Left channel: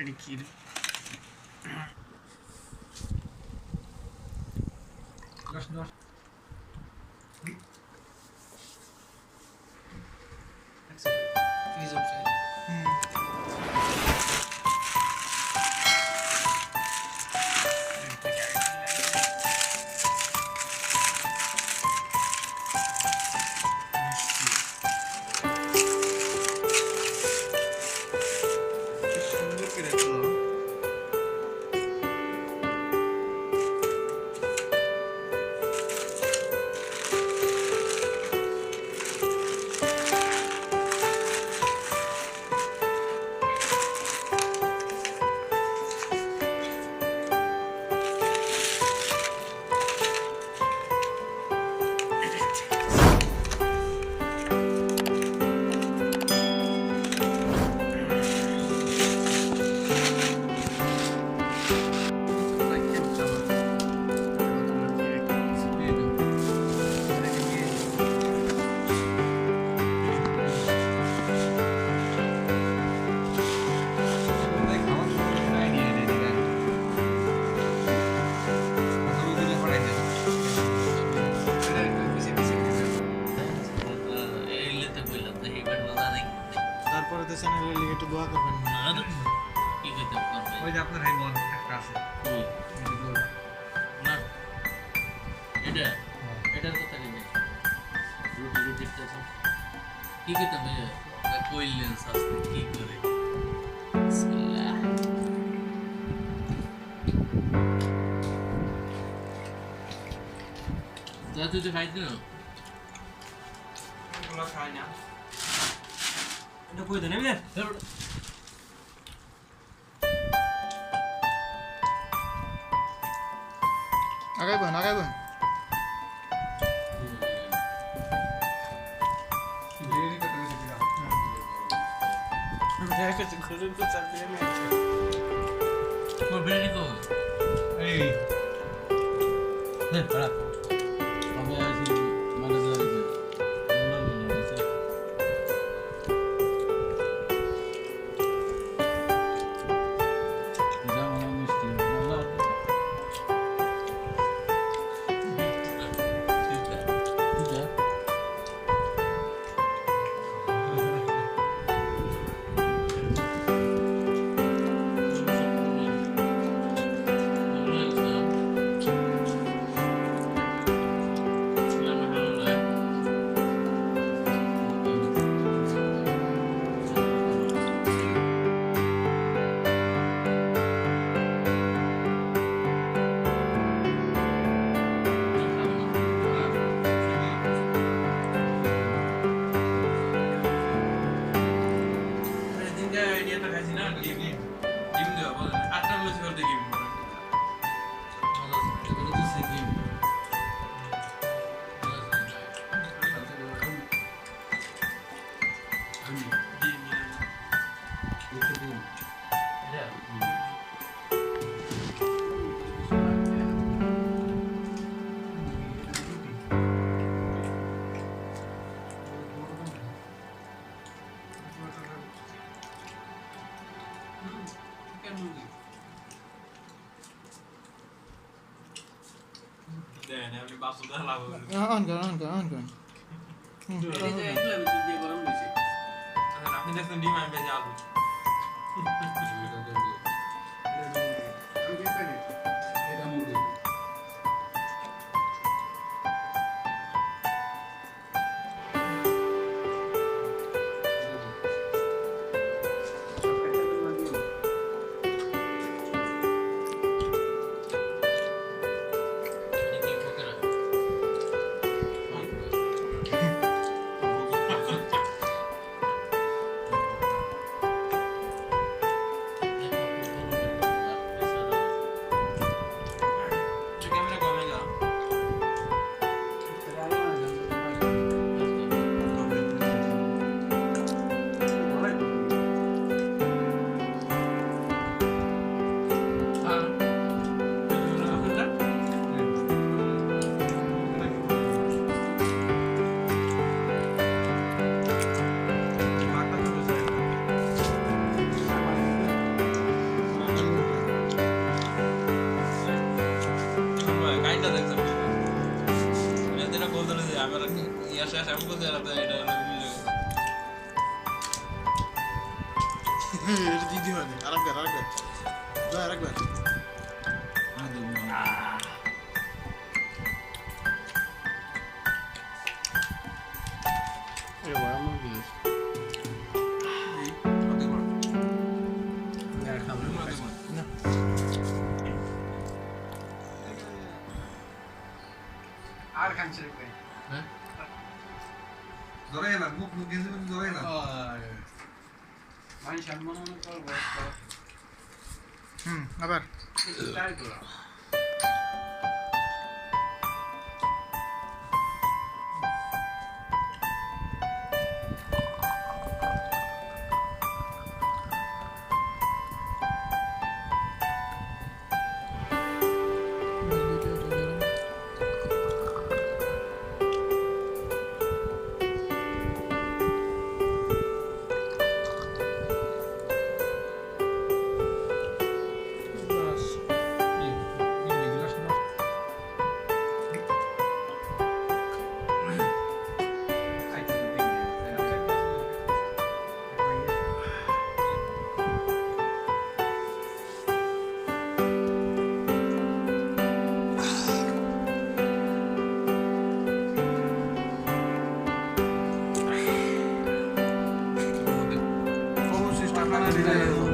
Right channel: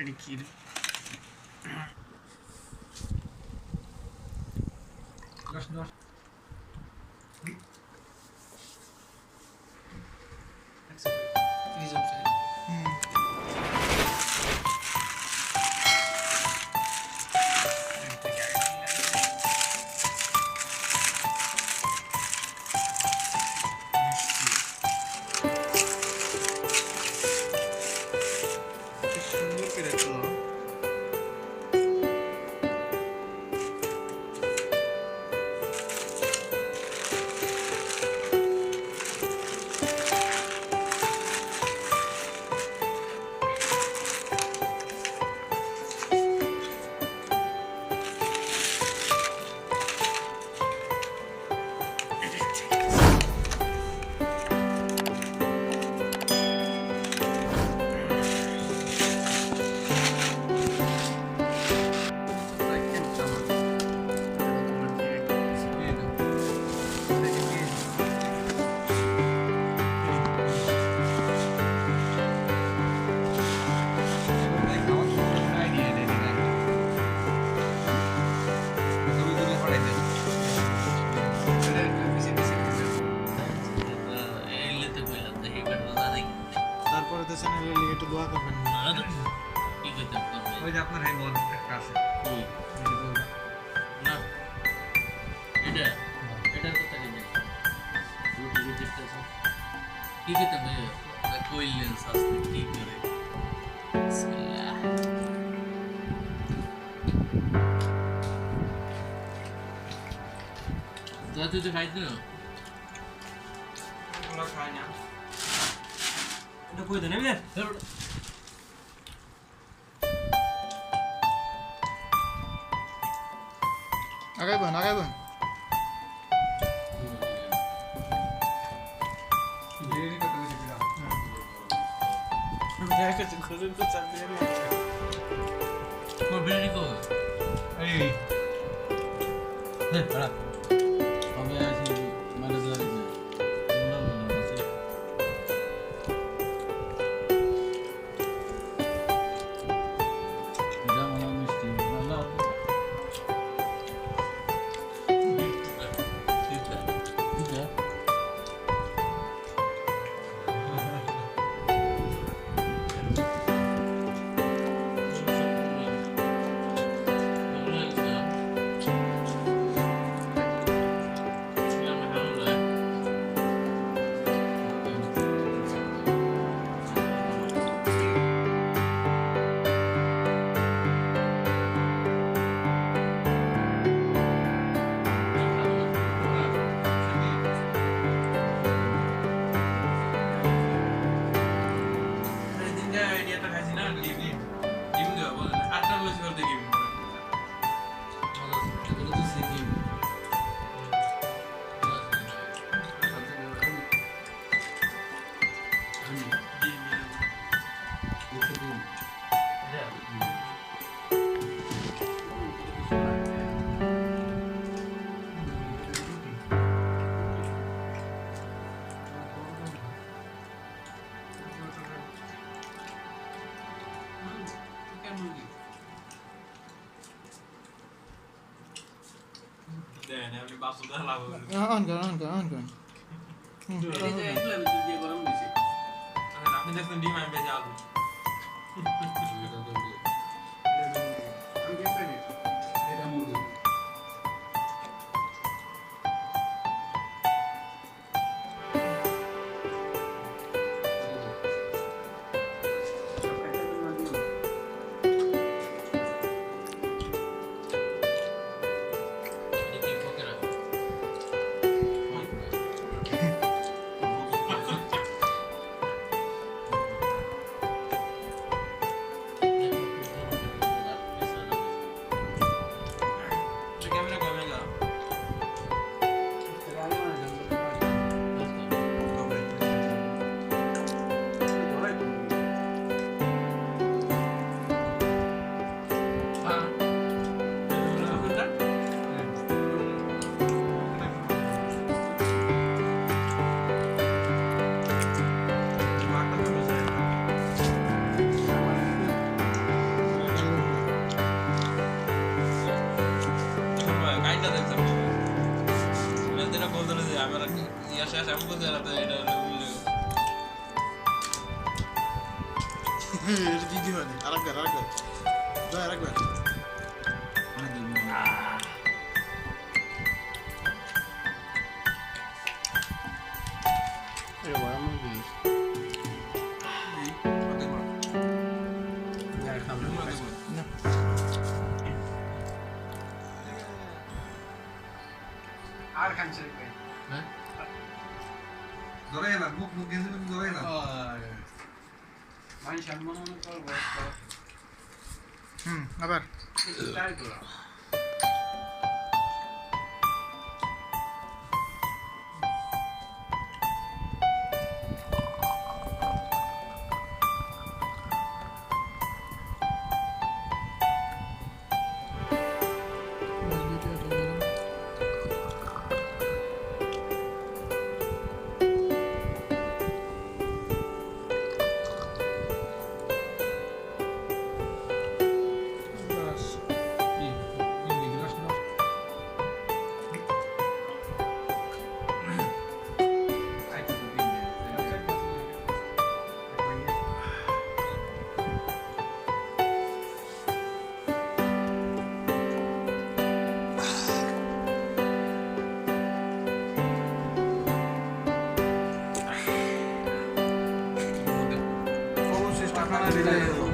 এটা কি রে? সুন্দর করে রাখলো। তারপরে তো চ্যানেলের লিগে একটু দোয়া করবেন না। কি কইতে পারবে? ওই যে আপনার হাই বল একটা আছে কই? না এটার কথা কি? রুটি রুটিটা আছে কি কইতে হবে? কইলেন সাস্তে কি করে? বিসমিল্লাহ। তুই তো খাইছ না? এগুলো খাই না। এটা কই দেন এমনে আগাইবেন আগাইবেন। মোর বিরিয়ানি কই? এই হ্যাঁ খারাপ তবে আসি মানে ধরে যে না না না আছে যেমন মিষ্টি না না ঠিক আছে আইডিয়াটা খাইছি না ডিম ডিম দেওয়া বলেন 8টা লুচি করতে গিয়ে এগুলো তো সিকিম দেন আপনি বাসুদা লাভ হবে। অন কর আপনি দেখছেন ডিম আমি ভেজে আলু। লাইনটা দেখছেন না এটা বলতে যে আমার ইয়া শেষ এমন করতে আর এটা মিলে গেছে এটা দিদি হয় আরেকবার যা আরেকবার এই বড় মন দিস এই কত বড় আর খাবো না আর খানছে রে কই হ্যাঁ ধরে এলাম মুখ গেছে ধরে এলাম মাই সম্মান করব আবার ট্রাই করো অবশ্যই টাকা না দিলে